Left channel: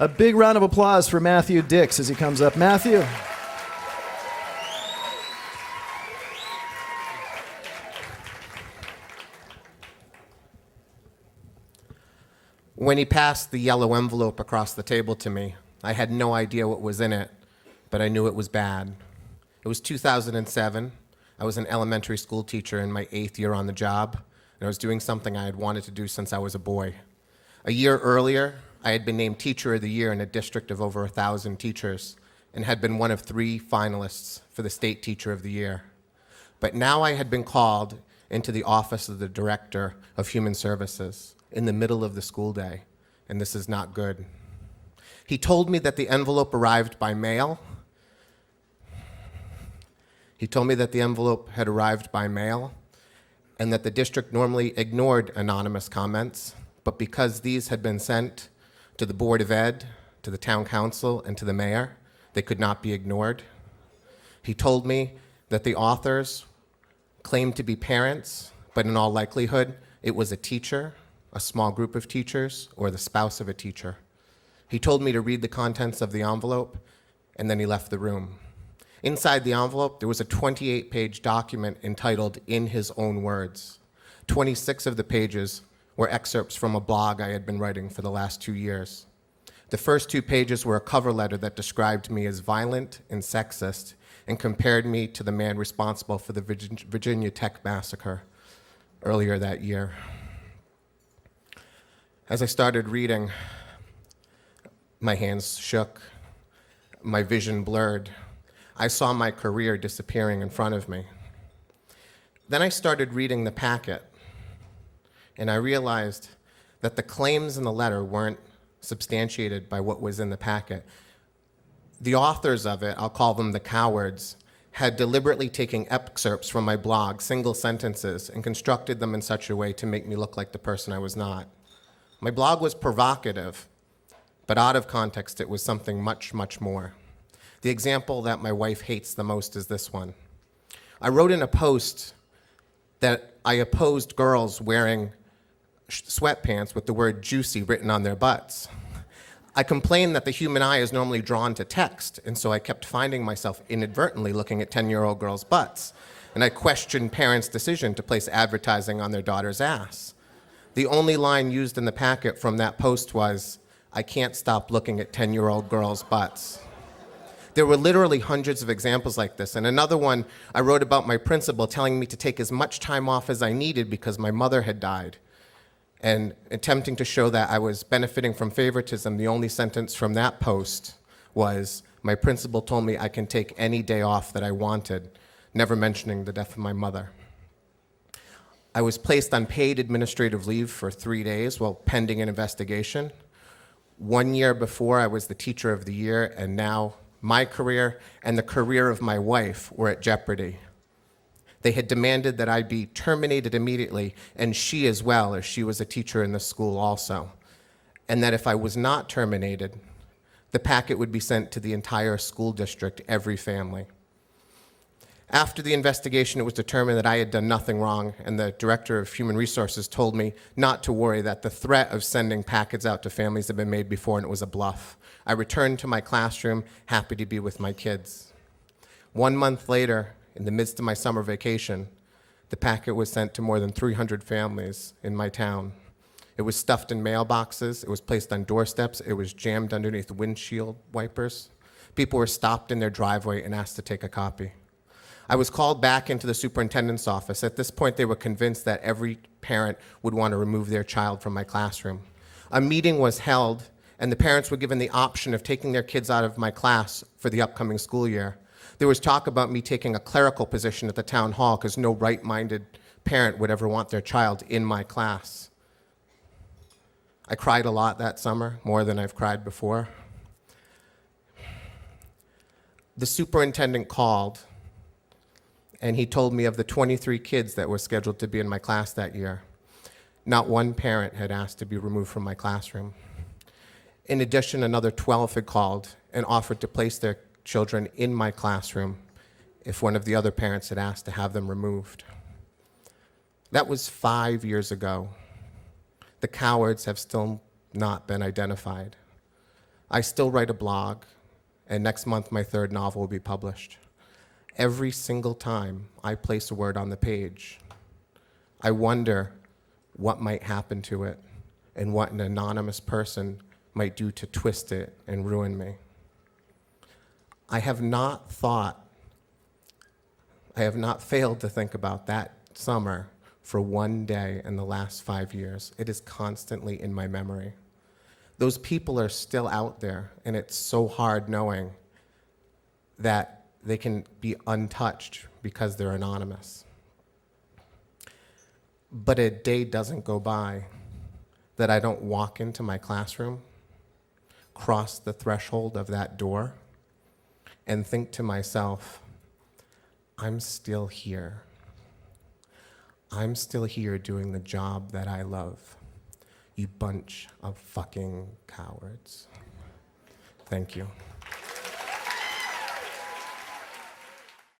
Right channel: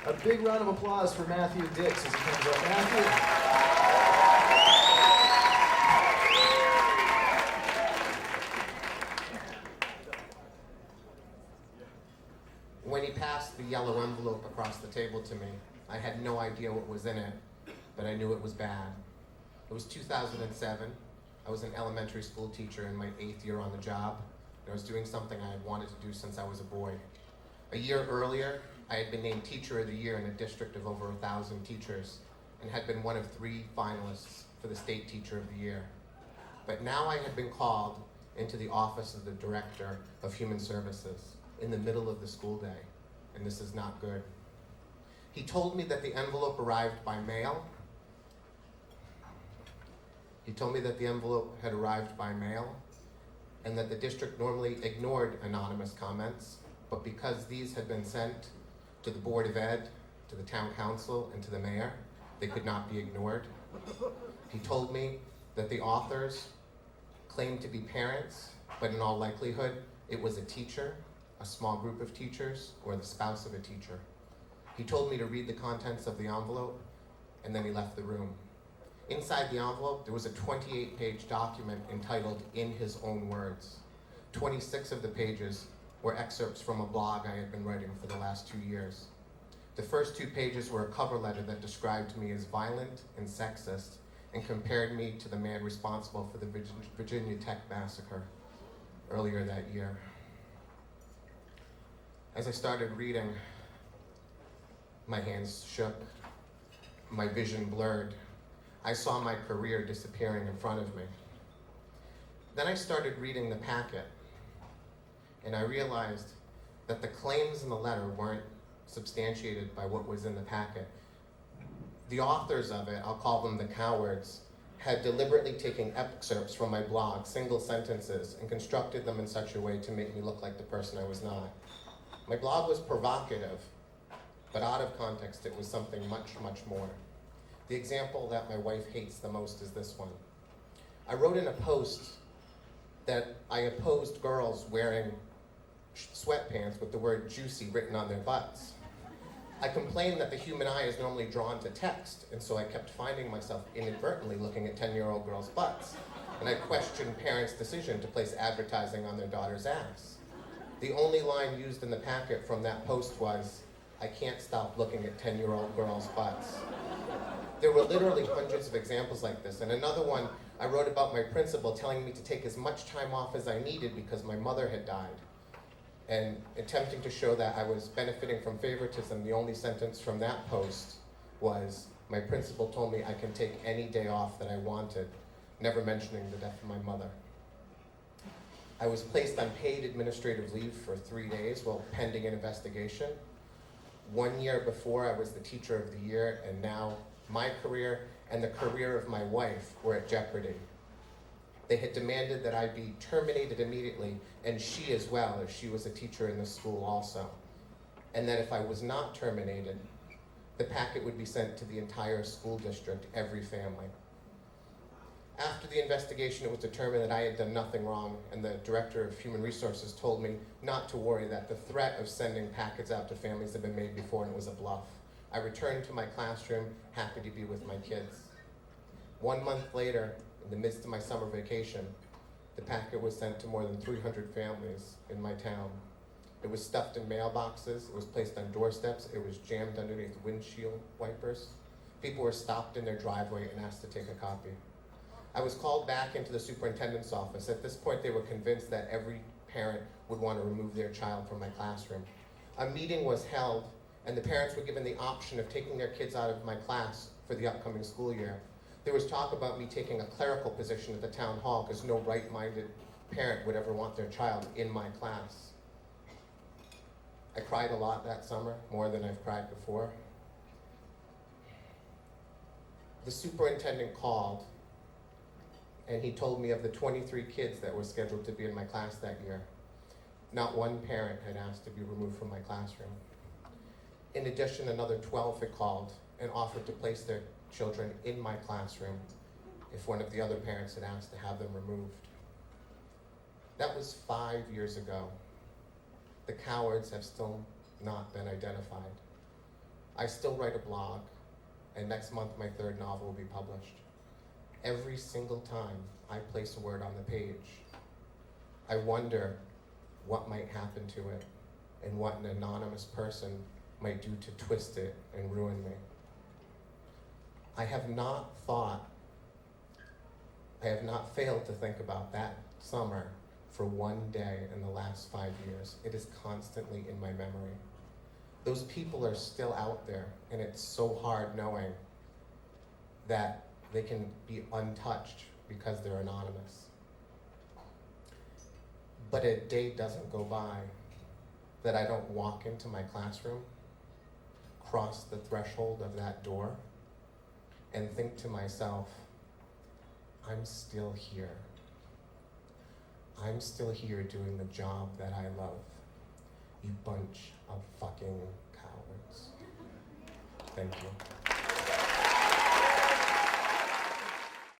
A big round of applause for Matthew Dix as he comes up. Matthew. When he passed the yellow envelope across the table to me, I had no idea what was in it, but I knew it was bad. It was 2007. I was an elementary school teacher in my 8th year on the job, and I was doing something I had wanted to do since I was a boy. A year earlier, I had been named Teacher of the Year in a district of over 1,000 teachers, and had been one of 3 finalists for the State Teacher of the Year. But now I had been called into the office of the Director of Human Services in the middle of the school day, and this is not good. He told me that the envelope arrived by mail. He told me that the envelope had arrived by mail and that the district normally ignored anonymous comments, but because these had been sent to the Board of Ed, to the Town Council, and to the Mayor, they could not be ignored. He told me that the authors claimed to be parents, but in all likelihood, it was a teacher, a small group of teachers, or the spouse of a teacher. He told me to read the contents of the envelope, and then he left the room. Inside the envelope, there was a 28-page document entitled In His Own Words. 26 of the pages were excerpts from a blog I had been writing for the last 2 years. The first 2 pages were a cover letter that described me as violent and sexist and compared me to the man responsible for the Virginia Tech massacre earlier that year. As I started reading, my hands shook, my vision blurred. I saw my career disappearing in front of me. Then I started reading the packet, and I realized that the claims in the letter weren't substantiated by what was in the packet. The authors of it, I'll call them the cowards, had deliberately taken excerpts from my blog, single sentences, and constructed them in such a way to make me look like the person I was not. My blog was provocative, but out of context, it was something much, much more. The example that my wife hates the most is this one. I wrote in a post that I opposed girls wearing sweatpants with the word juicy written on their butts. I complained that the human eye is normally drawn to text, and so I kept finding myself inadvertently looking at 10-year-old girls' butts. And I questioned parents' decision to place advertising on their daughter's ass. The only line used in the packet from that post was, "I can't stop looking at 10-year-old girls' butts." There were literally hundreds of examples like this. And another one, I wrote about my principal telling me to take as much time off as I needed because my mother had died. And attempting to show that I was benefiting from favoritism, the only sentence from that post was, my principal told me I can take any day off that I wanted, never mentioning the death of my mother. I was placed on paid administrative leave for 3 days while pending an investigation. 1 year before, I was the Teacher of the Year, and now my career and the career of my wife were at jeopardy. They had demanded that I be terminated immediately, and she as well, as she was a teacher in the school also. And that if I was not terminated, the packet would be sent to the entire school district, every family. After the investigation, it was determined that I had done nothing wrong, and the Director of Human Resources told me not to worry, that the threat of sending packets out to families had been made before, and it was a bluff. I returned to my classroom, happy to be with my kids. 1 month later, in the midst of my summer vacation, the packet was sent to more than 300 families in my town. It was stuffed in mailboxes, it was placed on doorsteps, it was jammed underneath windshield wipers. People were stopped in their driveway and asked to take a copy. I was called back into the superintendent's office. At this point, they were convinced that every parent would want to remove their child from my classroom. A meeting was held, and the parents were given the option of taking their kids out of my class for the upcoming school year. There was talk about me taking a clerical position at the town hall because no right-minded parent would ever want their child in my class. I cried a lot that summer, more than I've cried before. The superintendent called, and he told me of the 23 kids that were scheduled to be in my class that year. Not one parent had asked to be removed from my classroom. In addition, another 12 had called and offered to place their children in my classroom if one of the other parents had asked to have them removed. That was 5 years ago. The cowards have still not been identified. I still write a blog, and next month my third novel will be published. Every single time I place a word on the page, I wonder what might happen to it and what an anonymous person might do to twist it and ruin me. I have not failed to think about that summer for one day in the last 5 years. It is constantly in my memory. Those people are still out there, and it's so hard knowing that they can be untouched because they're anonymous. But a day doesn't go by that I don't walk into my classroom, cross the threshold of that door, and think to myself, I'm still here. I'm still here doing the job that I love. You bunch of fucking cowards. Thank you.